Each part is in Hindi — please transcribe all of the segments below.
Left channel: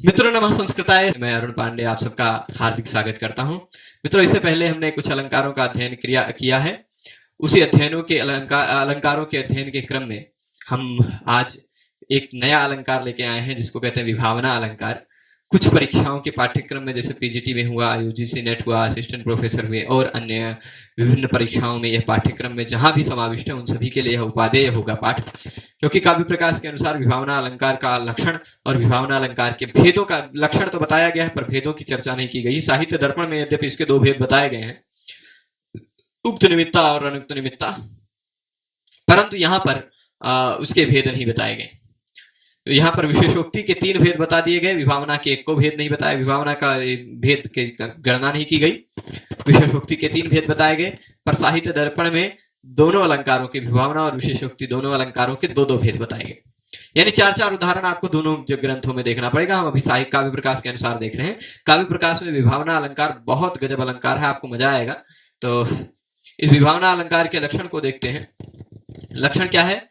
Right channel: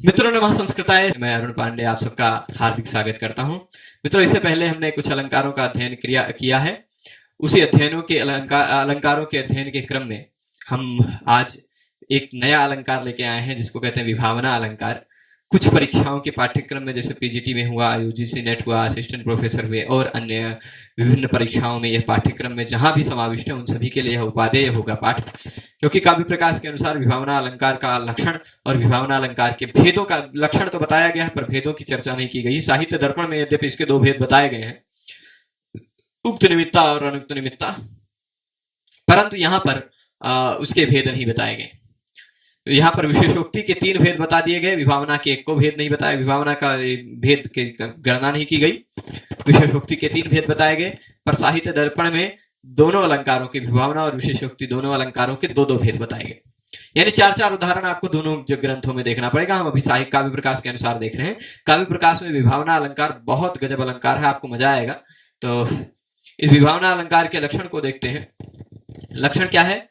मित्रों नमः संस्कृताय, मैं अरुण पांडे आप सबका हार्दिक स्वागत करता हूं। मित्रों, इससे पहले हमने कुछ अलंकारों का अध्ययन किया है। उसी अलंकारों के अध्ययन के क्रम में हम आज एक नया अलंकार लेके आए हैं जिसको कहते हैं विभावना अलंकार। कुछ परीक्षाओं के पाठ्यक्रम में जैसे पीजीटी में हुआ, यूजीसी नेट हुआ, असिस्टेंट प्रोफेसर हुए और अन्य विभिन्न परीक्षाओं में यह पाठ्यक्रम में जहां भी समाविष्ट है उन सभी के लिए यह उपादेय होगा पाठ, क्योंकि काव्य प्रकाश के अनुसार विभावना अलंकार का लक्षण और विभावना अलंकार के भेदों का लक्षण तो बताया गया है पर भेदों की चर्चा नहीं की गई। साहित्य दर्पण में यद्यपि इसके दो भेद बताए गए हैं, उक्त निमित्ता और अनुक्त निमित्ता, परंतु यहाँ पर उसके भेद नहीं बताए गए। यहाँ पर विशेषोक्ति के 3 भेद बता दिए गए, विभावना के 1 को भेद नहीं बताया, विभावना का भेद की गणना नहीं की गई। विशेषोक्ति के 3 भेद बताए गए, पर साहित्य दर्पण में दोनों अलंकारों के, विभावना और विशेषोक्ति दोनों अलंकारों के 2-2 भेद बताए गए। यानी 4-4 उदाहरण आपको दोनों जो ग्रंथों में देखना पड़ेगा। हम अभी साहित्य काव्य प्रकाश के अनुसार देख रहे हैं। काव्य प्रकाश में विभावना अलंकार बहुत गजब अलंकार है, आपको मजा आएगा। तो इस विभावना अलंकार के लक्षण को देखते हैं। लक्षण क्या है?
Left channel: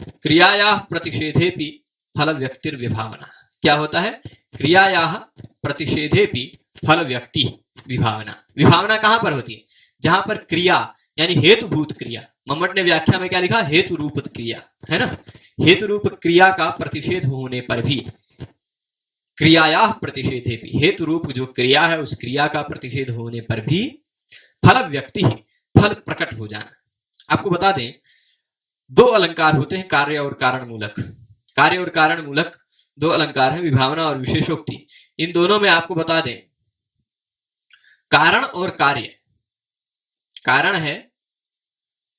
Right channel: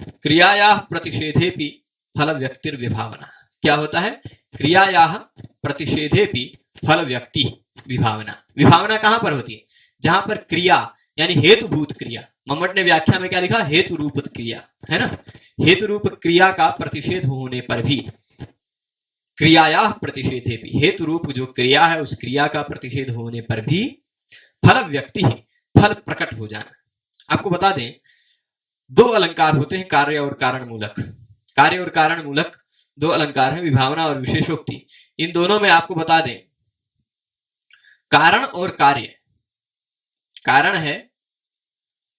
क्रियाया प्रतिषेधेपि फल व्यक्तिर विभावना। क्या होता है? क्रियाया प्रतिषेधेपि फल व्यक्ति विभावना। विभावना कहां पर होती है? जहां पर क्रिया यानी हेतुभूत क्रिया, मम्मट ने व्याख्या में क्या लिखा? हेतु रूप क्रिया, है ना। हेतु रूप क्रिया का प्रतिषेध होने पर भी, क्रियाया प्रतिषेधेपि, हेतु रूप जो क्रिया है उस क्रिया का प्रतिषेध होने पर भी फल व्यक्ति, फल प्रकट हो जाना। आपको बता दें 2 अलंकार होते हैं, कार्य और कारण मूलक। कार्य और कारण मूलक 2 अलंकार हैं, विभावना और विशेषोक्ति। इन दोनों में आपको बता दें कारण और कार्य, कारण है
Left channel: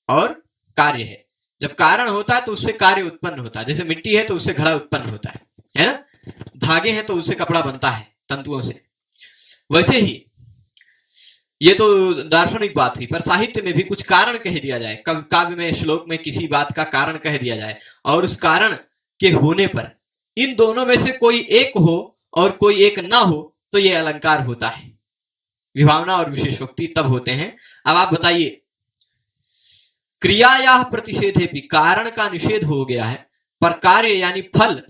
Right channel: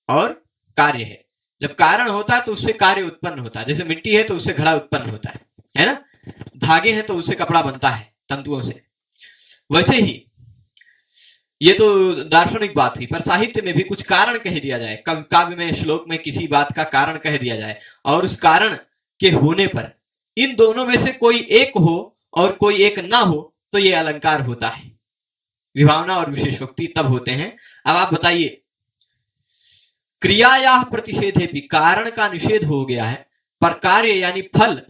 और कार्य है। जब कारण होता है तो उससे कार्य उत्पन्न होता है, जैसे मिट्टी है तो उससे घड़ा उत्पन्न होता है ना। धागे हैं तो उससे कपड़ा बनता है तंतुओं से। वैसे ही ये तो दार्शनिक बात हुई, पर साहित्य में भी कुछ कारण कह दिया जाए, काव्य में, श्लोक में किसी बात का कारण कह दिया जाए और उस कारण के होने पर इन दोनों में से कोई एक हो और कोई एक ना हो तो ये अलंकार होता है। विभावना और विशेषोक्ति तब होते हैं। अब आप बताइए, क्रियाया प्रतिषेधेपि, कारण का निषेध हो गया है पर कार्य यानी फल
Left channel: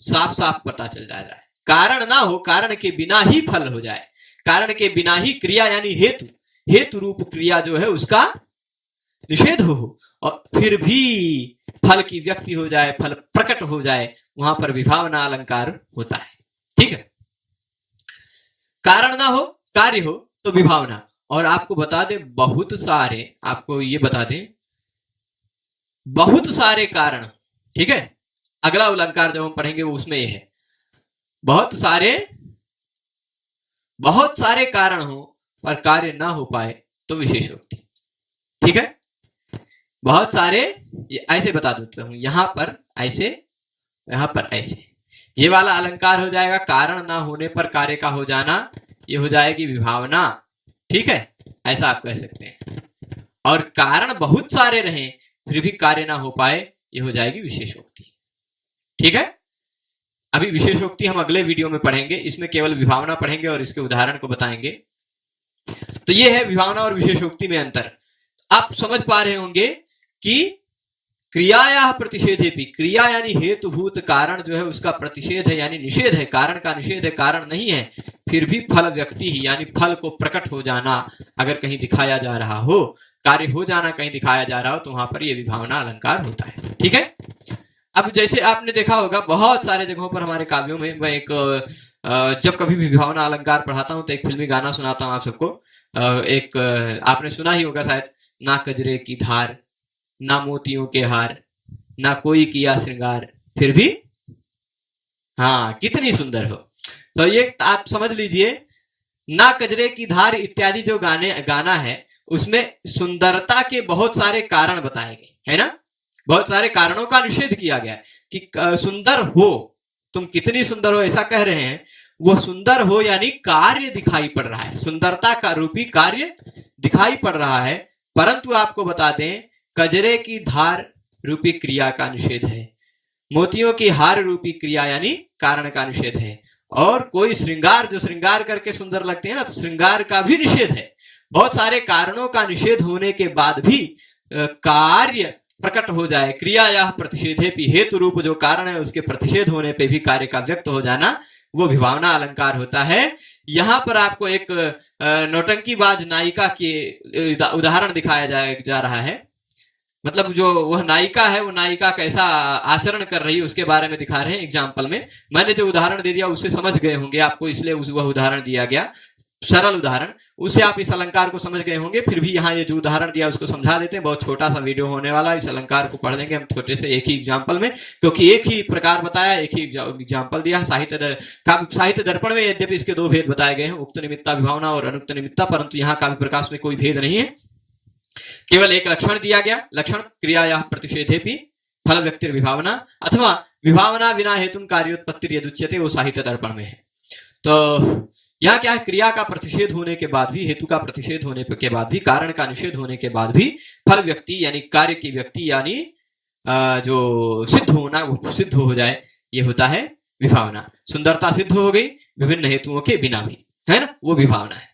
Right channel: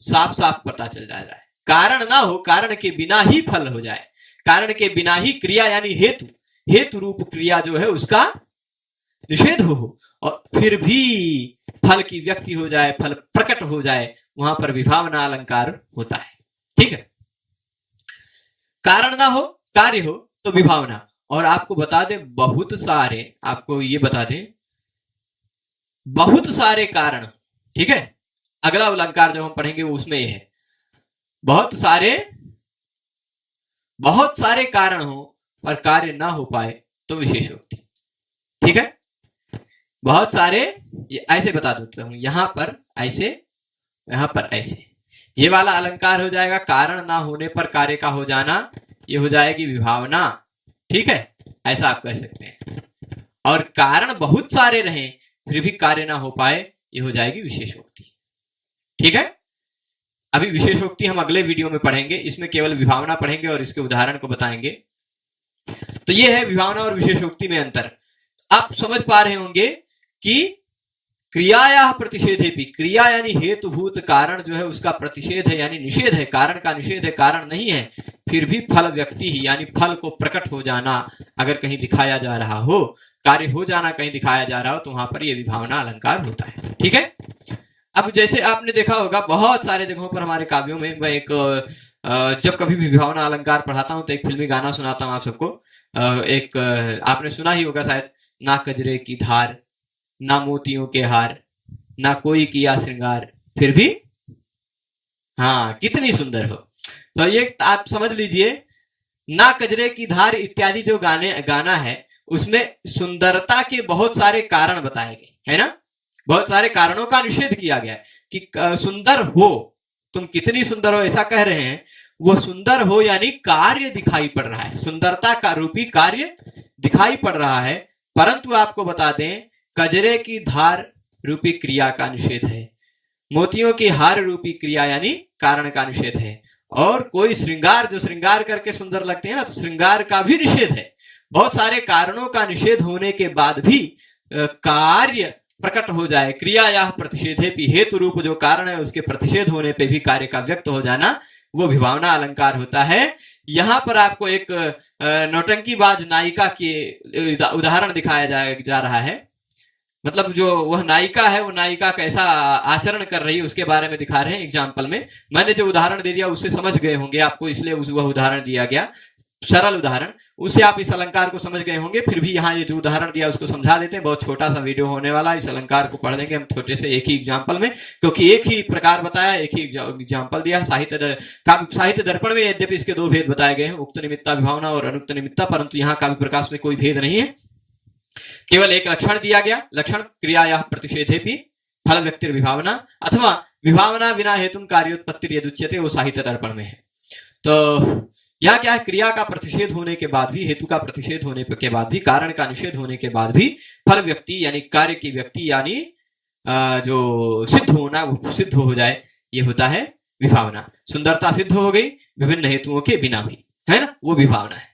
साफ साफ पता चल जा रहा है। कारण ना हो, कारण के बिना ही फल हो जाए, कारण के बिना ही क्रिया यानी हेतु रूप क्रिया जो है उसका निषेध हो और फिर भी फल की व्यक्ति हो जाए, फल प्रकट हो जाए, वहां पर विभावना अलंकार होता है। ठीक है। कारण ना हो, कार्य हो तो विभावना। और आपको बता दें बहुत सारे, आपको ये बता दें बहुत सारे कारण, ठीक है। अगला अलंकार जब हम पढ़ेंगे वो उसमें ये है, बहुत सारे कारण हो पर कार्य ना हो पाए तो विशेषोक्ति। ठीक है। बहुत सारे, ऐसे बता देता हूं, यहां पर ऐसे, यहां पर ऐसे, ये वाला अलंकार हो जाएगा कारण ना होने पर कार्य का हो जाना, ये हो जाएगी विभावना। ठीक है, ऐसा आप कह सकते हैं। और कारण बहुत सारे रहें फिर भी कार्य ना हो पाए, ये हो जाएगी विशेषोक्ति। ठीक है। अभी विशेषोक्ति हम अगले वीडियो में पढ़ेंगे, इसमें केवल विभावना पढ़ेंगे और इसके उदाहरण को बताएंगे। तो ये है विभावना और विशेषोक्ति में अंतर। आप समझ पा रहे होंगे कि क्रियाया प्रतिषेधेपि, क्रिया यानी हेतुभूत कारण जो है उसका प्रतिषेध है यानी निषेध है, कारण का निषेध है, कारण नहीं है, फिर भी फल व्यक्ति ही यानी फल को प्रकट हो जाना अगर कहीं दिखाया जा रहा हो, कार्य हो जाना कहीं दिखाया जा रहा हो तो वहां पर यह विभावना अलंकार होता है। ठीक है। अब जैसे आपने देखा होगा बहुत सारे जगहों पर हमारे काव्यों में, मैं एक जब कभी भी विभावना अलंकार पढ़ाता हूं तो एक फिल्मी गाना सुनाता हूं आप सबको। एक आपने सुना ही होगा शायद, ना कजरे की धार, ना मोतियों के हार, ना कोई किया श्रृंगार, फिर भी हाँ कितनी सुंदर हो। तो ये आप समझ लीजिए, ना कजरे की धार इत्यादि जो गाना है उसमें सुंदरता के बहुत सारे कारण बताए गए, है ना। बहुत सारे कारणों का निषेध किया गया कि सुंदर हो, तुम कितनी सुंदर हो ऐसा कह रहे हैं, वो सुंदर हो यानी कार्य दिखाई पड़ रहा है, सुंदरता का रूपी कार्य दिखाई पड़ रहा है। परंतु आपको बता दें कजरे की धार रूपी क्रिया का निषेध है, मोतियों की हार रूपी क्रिया यानी कारण का निषेध है, और कोई श्रृंगार जो श्रृंगार करके सुंदर लगते हैं ना तो श्रृंगार का भी निषेध है। बहुत सारे कारणों का निषेध होने के बाद भी कार्य प्रकट हो जाए, क्रिया या प्रतिषेधेपि, हेतु रूप जो कारण है उसके प्रतिषेध होने पे भी कार्य का व्यक्त हो जाना वो विभावना अलंकार होता है। यहाँ पर आपको एक नौटंकीबाज नायिका के उदाहरण दिखाया जा रहा है। मतलब जो वह नायिका है, वो नायिका कैसा आचरण कर रही है उसके बारे में दिखा रहे हैं एग्जाम्पल में। मैंने जो उदाहरण दे दिया उससे समझ गए होंगे आपको, इसलिए वह उदाहरण दिया गया, सरल उदाहरण, उससे आप इस अलंकार को समझ गए होंगे। फिर भी यहाँ ये जो उदाहरण दिया उसको समझा देते हैं, बहुत छोटा सा वीडियो होने वाला है। इस अलंकार को पढ़ लेंगे हम छोटे से एक ही एग्जाम्पल में, क्योंकि एक ही प्रकार बताया, एक ही एग्जाम्पल दिया। साहित्य दर्पण में यद्यपि इसके दो भेद बताए गए हैं, उक्त निमित्ता विभावना और अनुक्त निमित्ता, परंतु यहाँ काव्य प्रकाश में कोई भेद नहीं है, केवल एक लक्षण दिया गया। लक्षण क्रियाया प्रतिषेधेपि फल व्यक्ति विभावना अथवा विभावना बिना हेतु कार्योत्पत्ति यदुच्यते, वो साहित्य दर्पण में है। तो यहाँ क्या है, क्रिया का प्रतिषेध होने के बाद भी, हेतु का प्रतिषेध होने के बाद भी, कारण का निषेध होने के बाद भी फल व्यक्ति यानी कार्य की व्यक्ति यानी जो सिद्ध होना, वो सिद्ध हो जाए, ये होता है विभावना। सुंदरता सिद्ध हो गई विभिन्न हेतुओं के बिना भी, है ना, वो विभावना है।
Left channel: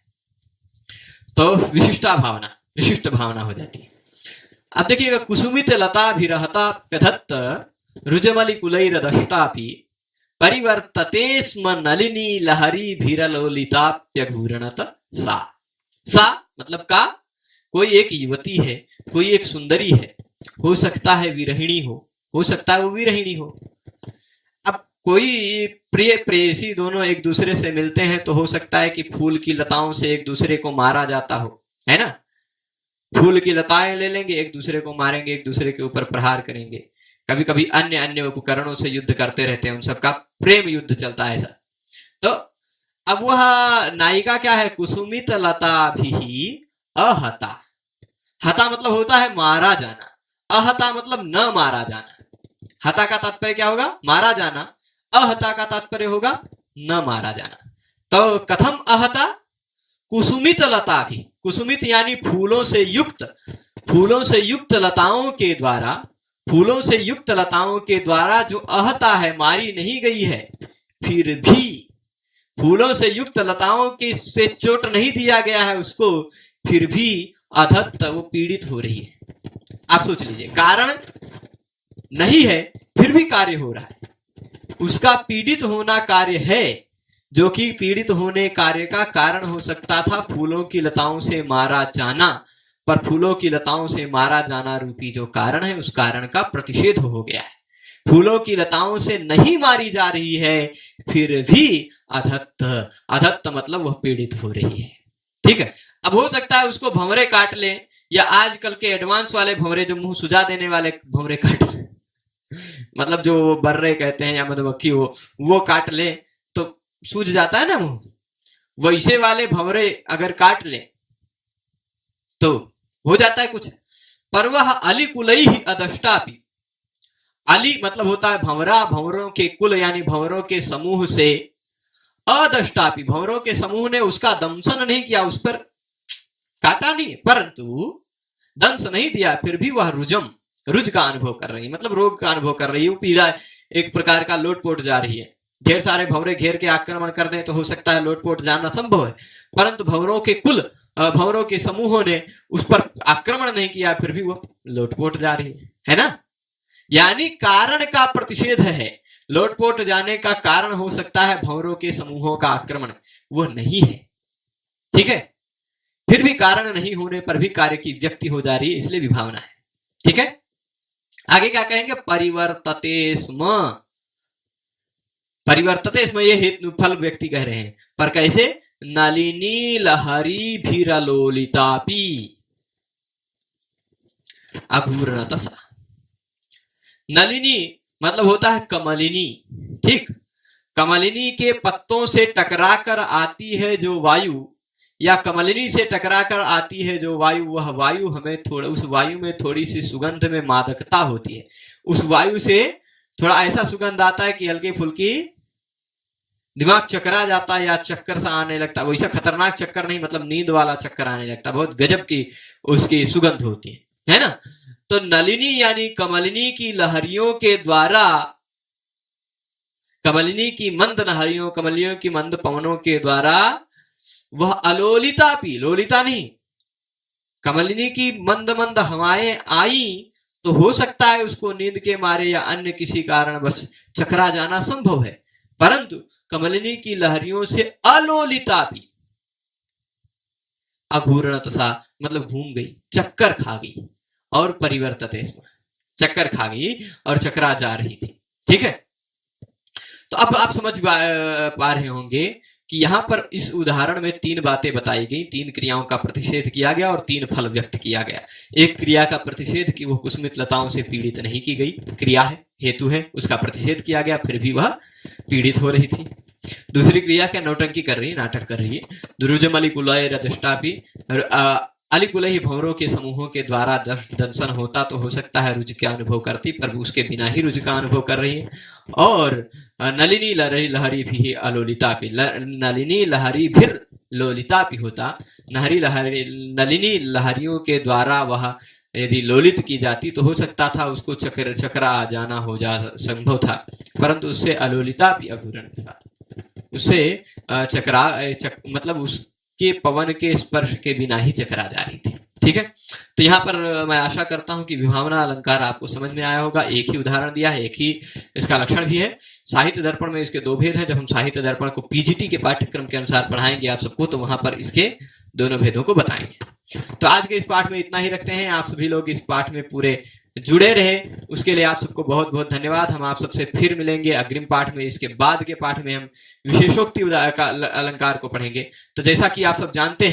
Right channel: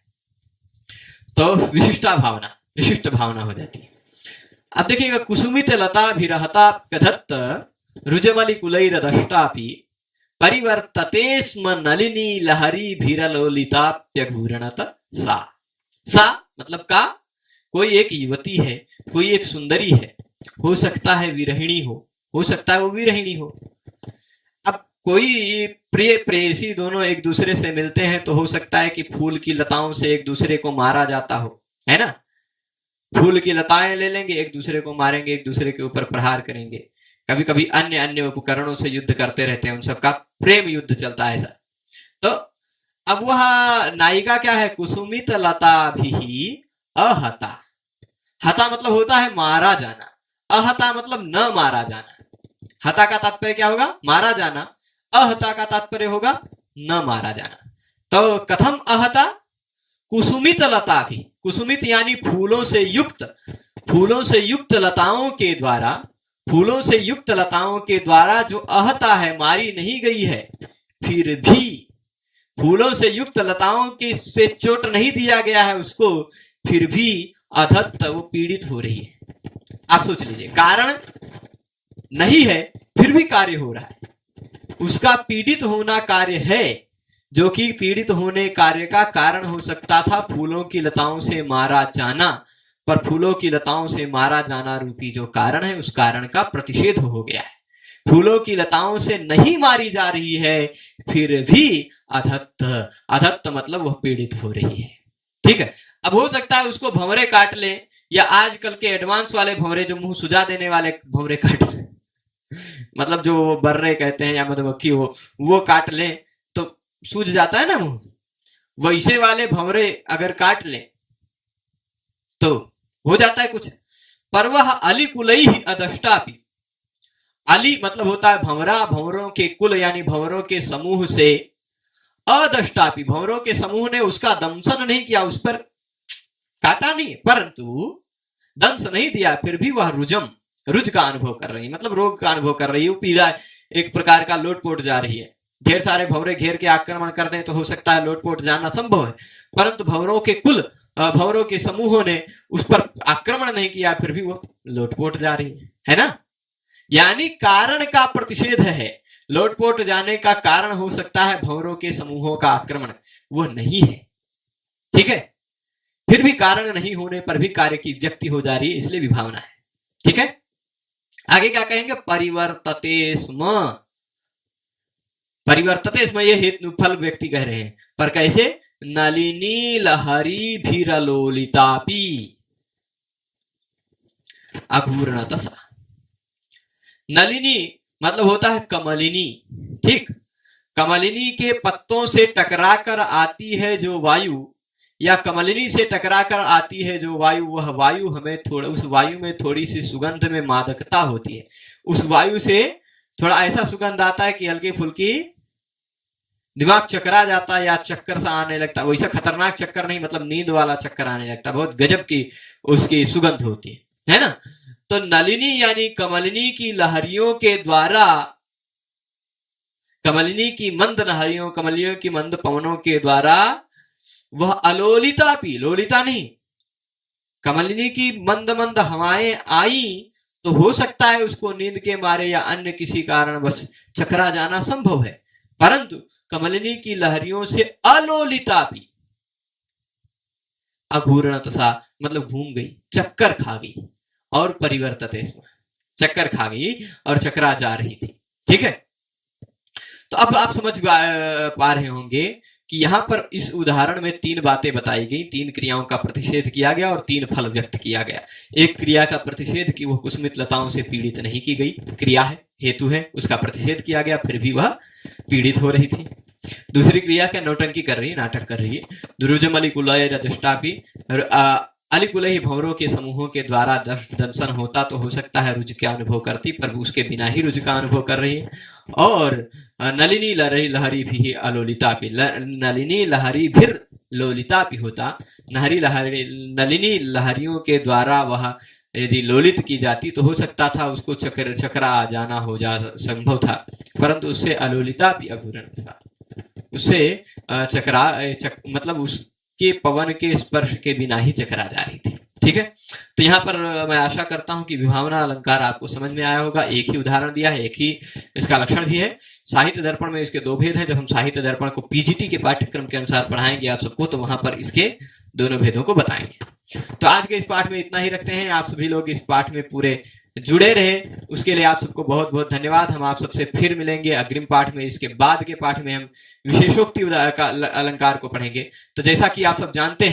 तो विशिष्टा भावना, विशिष्ट भावना हो जाती है। अब देखिएगा, कुसुमित लता भिरहता कथत रुजमलि कुलैरदष्टापि परिवर्तते स्म नलिनी लहरी भीरलोलिताप्यघूरणत सा। सा मतलब का, कोई एक युवती है, कोई एक सुंदरी है, हो सकता है विरहिणी हो सकता है वो विरहिणी हो। अब कोई प्रिय प्रेयसी दोनों एक दूसरे से मिलते हैं तो हो सकता है कि फूल की लताओं से एक दूसरे को मारा जाता हो, है ना। फूल की लताएं ले लेंगे, एक दूसरे को मारेंगे, एक दूसरे के ऊपर प्रहार करेंगे, कभी कभी अन्य अन्य उपकरणों से युद्ध करते रहते हैं, उन सबका प्रेम युद्ध चलता है ऐसा। तो अब वह नायिका क्या है, कुसुमित लता भी अहता। हता मतलब होता है मारा जाना, अहता मतलब न मारा जाना। हता का तात्पर्य क्या होगा, मारा जाना, अहता का तात्पर्य होगा न मारा जाना। तो कथम अहता, कुसुमित लता भी, कुसुमित यानी फूलों से युक्त लताओं के द्वारा, फूलों से युक्त लताओं के द्वारा जो अहता है, मारी नहीं गई है, फिर भी फूलों से युक्त लताओं की से चोट नहीं दिया गया है उसको, फिर भी अधत्त वो पीड़ित हो रही है। आप सोच लीजिए, कारण नहीं है फिर भी कार्य हो रहा है, उसका पीड़ित होना कार्य है, जो कि पीड़ित होने कार्य का कारण हो सकता था फूलों की लताओं से मारा जाना, पर फूलों की लताओं से मारा जाना रूपी जो कारण है, उस कारण का प्रतिषेध हो गया है। फूलों की लताओं से नहीं मारी जा रही है, फिर भी अधत्त, अधत्त मतलब वह पीड़ित हो रही है। ठीक है, अब हो सकता है उसको भंवरे काट ले, या आजकल के एडवांस वाले भंवरे, जो मुंह सुझा देने वाले भंवरे काट ले, मतलब जो बर्रे कहते हैं या मधुमक्खी हो, वो काट ले तो सूझ जाता है ना मुंह, वैसे वाले भंवरे अगर काट ले तो हो जाता है कुछ। पर वह अली कुलई ही अदष्टापि, अली मतलब होता है भंवरा, भंवरों के कुल यानी भंवरों के समूह से, अदष्टापि भंवरों के समूह ने उसका दंशन नहीं किया, उस पर काटा नहीं, परंतु दंश नहीं दिया, फिर भी वह रुज का अनुभव कर रही है, मतलब रोग का अनुभव कर रही है, पीड़ा एक प्रकार का लोटपोट जा रही है। ढेर सारे भंवरे घेर के आक्रमण कर दें तो हो सकता है लोटपोट जाना संभव है, परंतु भंवरों के कुल, भंवरों के समूहों ने उस पर आक्रमण नहीं किया, फिर भी वो लोटपोट जा रही है ना। यानी कारण का प्रतिषेध है, लोटपोट जाने का कारण हो सकता है भंवरों के समूहों का आक्रमण, वो नहीं है। ठीक है, फिर भी कारण नहीं होने पर भी कार्य की व्यक्ति हो जा रही है, इसलिए विभावना है। ठीक है, आगे क्या कहेंगे, परिवर्तते स्म, परिवर्तते स्म, ये हेतु फल व्यक्ति कह रहे हैं, पर कैसे, नलिनी लहरी भीरलोलितापि अघूर्णतसा। नलिनी मतलब होता है कमलिनी, ठीक, कमलिनी के पत्तों से टकराकर आती है जो वायु, या कमलिनी से टकराकर आती है जो वायु, वह वायु हमें थोड़ा, उस वायु में थोड़ी सी सुगंध में मादकता होती है, उस वायु से थोड़ा ऐसा सुगंध आता है कि हल्की फुल्की दिमाग चकरा जाता है या चक्कर सा आने लगता है। वैसा खतरनाक चक्कर नहीं, मतलब नींद वाला चक्कर आने लगता है, बहुत गजब की उसकी सुगंध होती है ना। तो नलिनी यानी कमलिनी की लहरियों के द्वारा, कमलिनी की मंद लहरियों, कमलियों की मंद पवनों के द्वारा वह अलोलिता भी, लोलिता नहीं, कमलिनी की मंद मंद हवाएं आई तो हो सकता है उसको नींद के मारे या अन्य किसी कारण बस चकरा जाना संभव है, परंतु कमलिनी की लहरियों से अलोलितापि, अघूर्णत सा मतलब घूम गई, चक्कर खा गई, और परिवर्तते स्म, चक्कर खा गई और चकरा जा रही थी। ठीक है, तो अब आप समझ पा रहे होंगे कि यहां पर इस उदाहरण में 3 बातें बताई गई, 3 क्रियाओं का प्रतिषेध किया गया और 3 फल व्यक्त किया गया। एक क्रिया का प्रतिषेध कि वो कुसुमित लताओं से पीड़ित नहीं की गई, क्रिया है, हेतु है, उसका प्रतिषेध किया गया, फिर भी वह पीड़ित हो रही थी। दूसरी क्रिया क्या, नौटंकी कर रही है, नाटक कर रही है। दुरुजमलिकुलय रदष्टापि, अलिकुलही भंवरों के समूहों के द्वारा दंशन होता तो हो सकता है रुज का अनुभव करती, पर उसके बिना ही रुज का अनुभव कर रही है। और नलिनी लहरी भी अलोलितापि, नलिनी लहरी भी लोलितापि होता, नलिनी लहरियों के द्वारा वह यदि लोलित की जाती तो हो सकता था उसको चकरा आ जाना हो जा संभव था, परंतु उससे अलोलितापि अघूरण था, उससे मतलब उसके पवन के स्पर्श के बिना ही चकरा जा रही थी। ठीक है, तो यहाँ पर मैं आशा करता हूं कि विभावना अलंकार आपको समझ में आया होगा। एक ही उदाहरण दिया है, एक ही इसका लक्षण भी है। साहित्य दर्पण में इसके 2 भेद हैं। जब हम साहित्य दर्पण को पीजीटी के पाठ्यक्रम के अनुसार पढ़ाएंगे आप सबको, तो वहां पर इसके दोनों भेदों को बताएंगे। तो आज के इस पाठ में इतना ही रखते हैं। आप सभी लोग इस पाठ में पूरे जुड़े रहे, उसके लिए आप सबको बहुत बहुत धन्यवाद। हम आप सबसे फिर मिलेंगे अग्रिम पाठ में। इसके बाद के पाठ में हम विशेषोक्ति अलंकार को पढ़ेंगे। तो जैसा कि आप सब जानते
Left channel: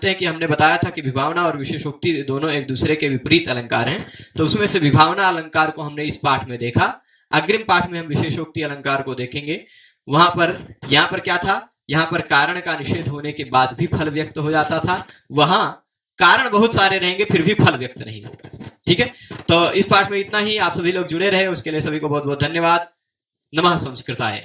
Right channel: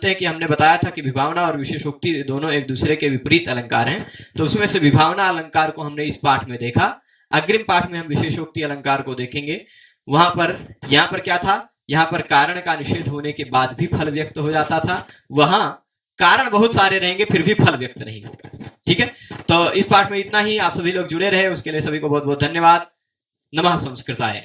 हैं कि हमने बताया था कि विभावना और विशेषोक्ति दोनों एक दूसरे के विपरीत अलंकार हैं, तो उसमें से विभावना अलंकार को हमने इस पाठ में देखा। अग्रिम पाठ में हम विशेषोक्ति अलंकार को देखेंगे। यहाँ पर क्या था, यहाँ पर कारण का निषेध होने के बाद भी फल व्यक्त हो जाता था, वहां कारण बहुत सारे रहेंगे फिर भी फल व्यक्त नहीं होगा। ठीक है, तो इस पाठ में इतना ही। आप सभी लोग जुड़े रहे, उसके लिए सभी को बहुत बहुत धन्यवाद। नमः संस्कृताय।